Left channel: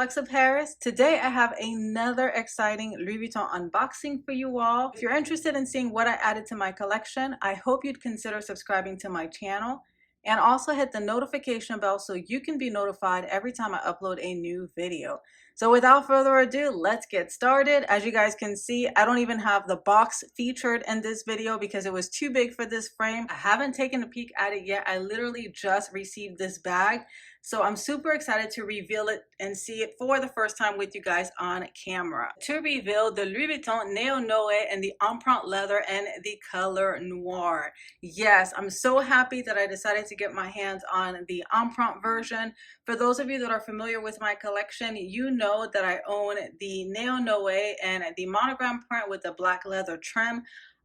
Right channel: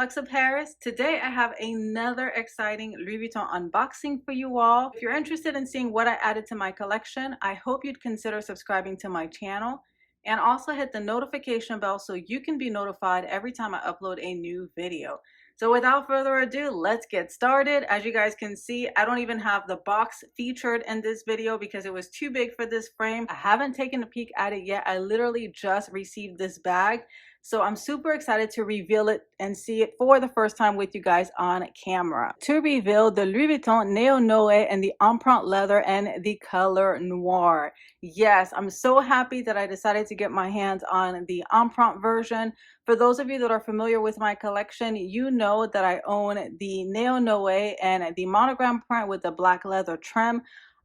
Lux of Paris. Today I have another exciting Louis Vuitton unboxing for you all. If you're interested in seeing what I added to my collection, I hope you'd consider subscribing to my channel and also hit the notification bell so you can be notified every time I upload a new video. So without further ado, let's get started. As you guys can see, I don't even have the box featured in this video because it was too big for this frame. I haven't taken a peek at it yet. I literally just received this bag. So I'm super excited to reveal it and see it for the first time with you guys on camera. To reveal the Louis Vuitton Neo Noe and the Empreinte leather and the color noir. Yes, I'm so happy that I decided to get my hands on the Empreinte version. For those of you that are familiar with my collection, you know that I own the Neo Noe and the monogram print with the black leather trim.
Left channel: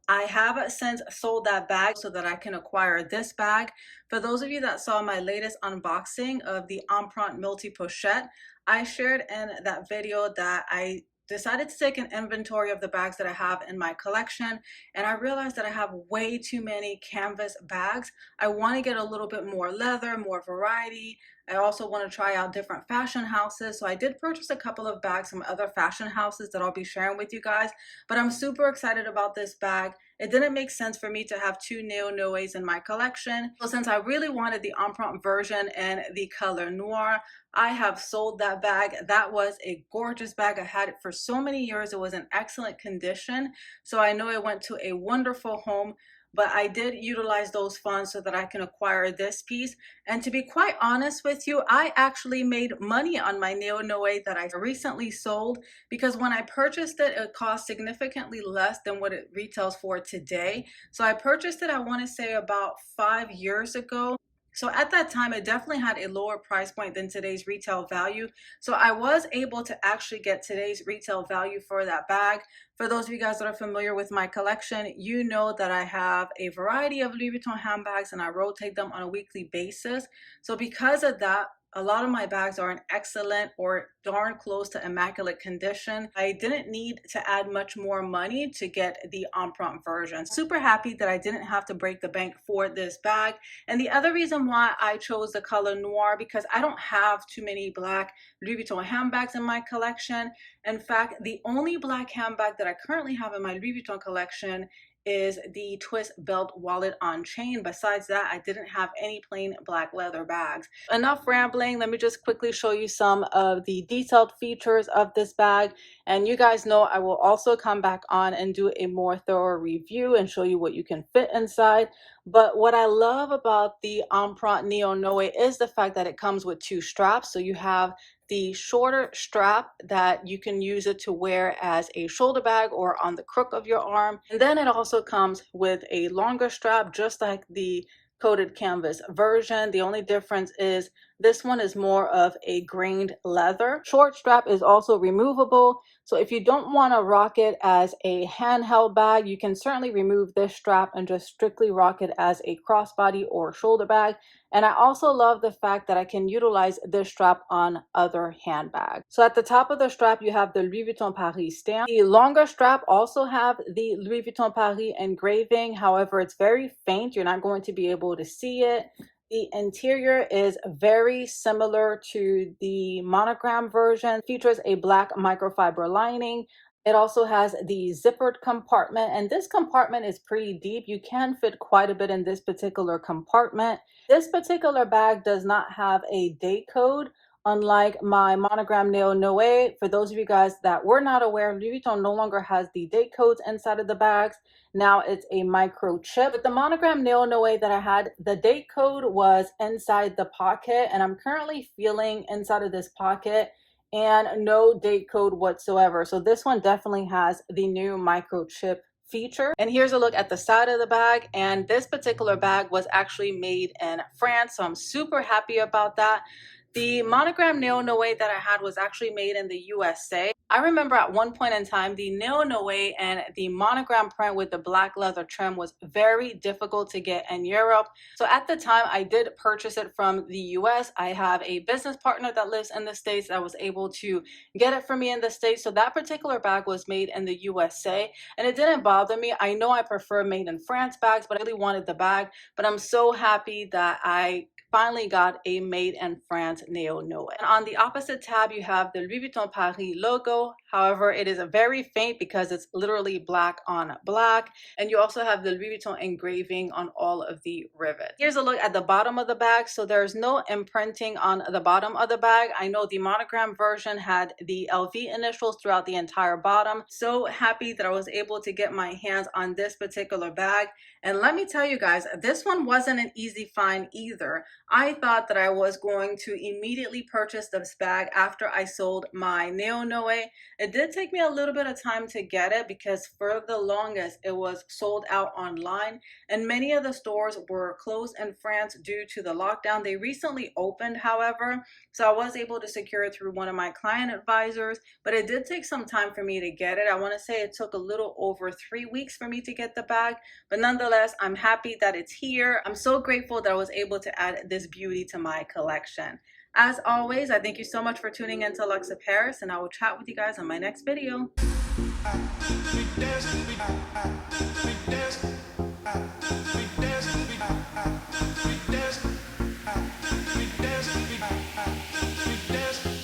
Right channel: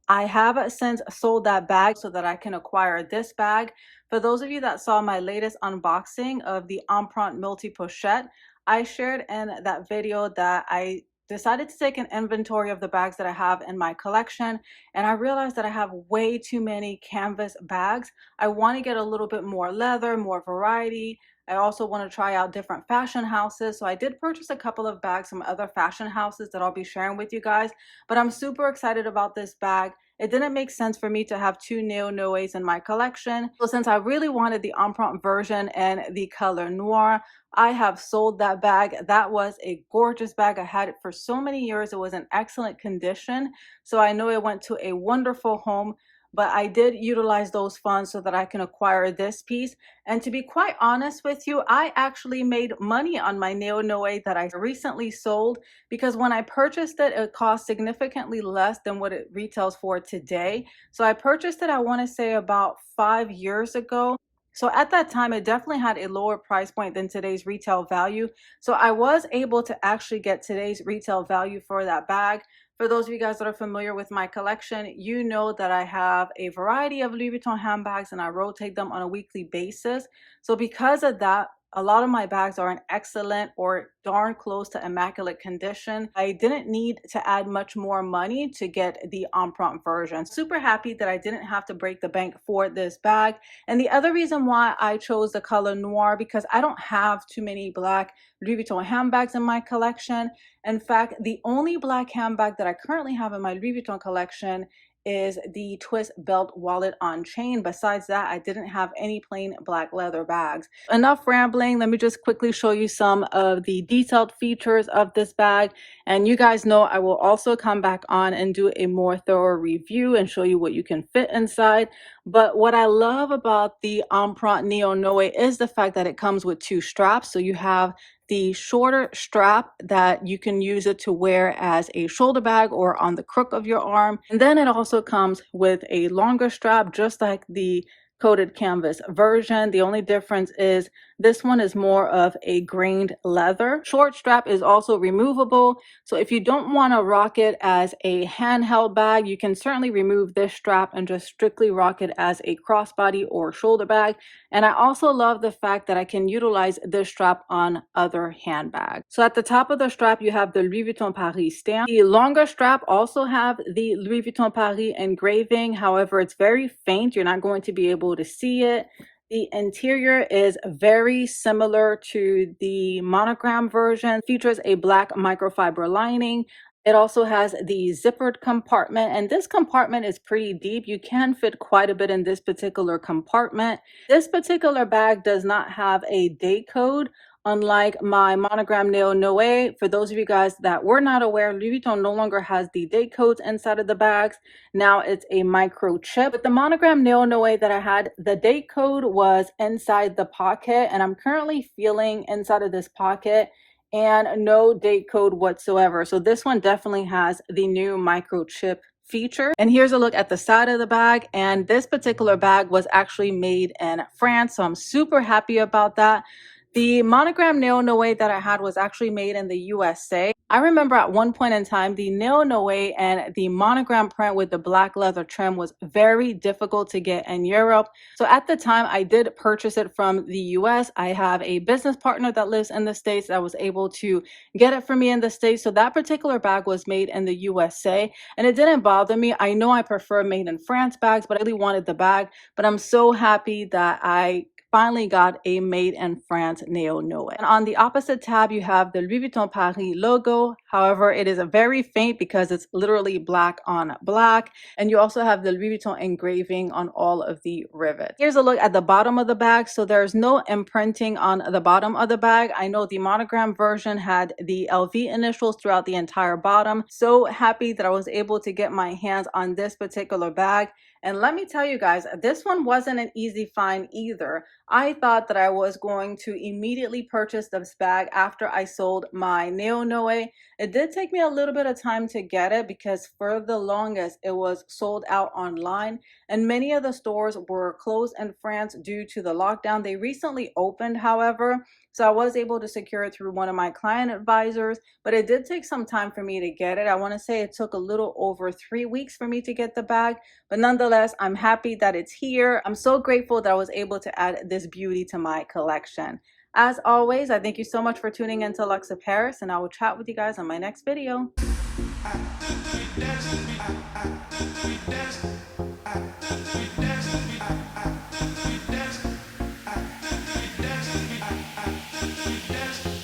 I have since sold that bag so that I can acquire this bag. For those of you that saw my latest unboxing of the Empreinte multi-pochette, I shared in that video that I decided to take an inventory of the bags that I have in my collection, and I realized that I have way too many canvas bags. I want to get a little bit more leather, more variety. I also want to try out different fashion houses. So I did purchase a couple of bags from other fashion houses that I'll be sharing with you guys, but I'm super excited about this bag. It didn't make sense for me to have two Neo Noes in my collection. So since I really wanted the Empreinte version and the color noir, I have sold that bag. That was a gorgeous bag. I had it for so many years. It was in excellent condition. So I know it went to a wonderful home, but I did utilize those funds so that I can acquire this piece. And to be quite honest with you, I actually made money on my Neo Noe that I recently sold, because when I purchased it, it cost significantly less than what it retails for today. So I purchased it, I want to say about 5 years ago. So at that time, it definitely had a lower price point than today's retail value. So I was able to actually get today's retail value for that bag. For those of you guys that are familiar with my collection, you know that I have a variety of Louis Vuitton handbags and I rotate them on a weekly basis. So because of that, a lot of my bags are in excellent or darn close to immaculate condition. I didn't need to add much more money to get the Empreinte version. Super happy that I didn't have to break the bank for this bag. And the other reason why I chose the color noir, because I don't have too many black Louis Vuitton handbags in my collection. In fact, the only black handbag that I currently have in my Louis Vuitton collection is the twist belt wallet on chain. Besides that, I didn't have any plain black leather bags. Enough rambling. Let me just quickly show you some of the detailed features of this bag. And you guys know I will also come back on and do a more thorough review and show you what you can fit inside. But what I love about the Empreinte Neo Noe is the fact that it comes with two straps. So you have the shorter strap that you can use it to wear as a shoulder bag or on the crook of your arm. And then it also comes with a longer strap, just like the coated canvas version. The only difference is this one is more of a grained leather. Short strap is also removable. So if you don't want to rock it as a handheld bag, you can certainly remove this strap and just strictly rock it as a crossbody or shoulder bag. And I also love the fact that I can utilize this strap on other handbags. So at the top of the strap, you have the Louis Vuitton Paris stamp. The longer strap also have the Louis Vuitton Paris engraving. However, it's very faint. You're not going to be able to see it. The interior is very similar to the monogram version. Features a black microfiber lining. It also has the zippered compartment, and this compartment is pretty deep. You can fit quite a bit in this particular compartment. This particular bag does not have a date code, unlike my monogram Neo Noe. For those of you guys that were not aware, Louis Vuitton no longer has the date codes inside of the bags. Now it's a microchip. With the monogram Neo Noe that I had, the date code was inside the pocket, and I'm currently feeling inside of this pocket and no date code whatsoever. So this one definitely has the new microchip feature. And here's a look at the side of the bag. And this particular bag was actually made in France, so I'm super happy about that. The monogram Neo Noe that I had was actually made in the USA. I remember at one point in time, the Neo Noe and the monogram print with the black leather trim was very difficult to get in Europe. So at the time, I did purchase it from the US. I have a business partner that lives in the States that was able to get it for me in the States. So that particular bag was made in the USA, and it didn't bother me. I know I prefer made in France bags, but I really wanted the bag. But I'm so happy that I finally got a made in France Neo Noe. And on the opposite tab, you have the Louis Vuitton Paris logo. However, it is a very faint because it's literally black on black. And you also have the Louis Vuitton engraving on all of the rivets. Here's a look at the bottom of the bag. So there's no imprinting on the bottom of the bag. I know the monogram version had the LV initials throughout the entire bottom. So happy that I was able to get my hands on this particular bag. And let me tell you guys, this one wasn't an easy find either. I thought that I was going to immediately purchase this bag after I sold my Neo Noe. It did take me a little bit of time to get it because for the longest it was sold out online, and many of the stores were closed in France due to the lockdown. They recently opened, however, so I was able to secure it through one of my client advisors, but it did take some time for me to get it. I want to say it took a little over 3 weeks for me to get the bag, but nonetheless, I'm happy that it's here. I'm so grateful that I was able to add this beauty to my collection. As always, I thank you so much for tuning into Lux of Paris, and I will chat with you guys on my next video. We dance.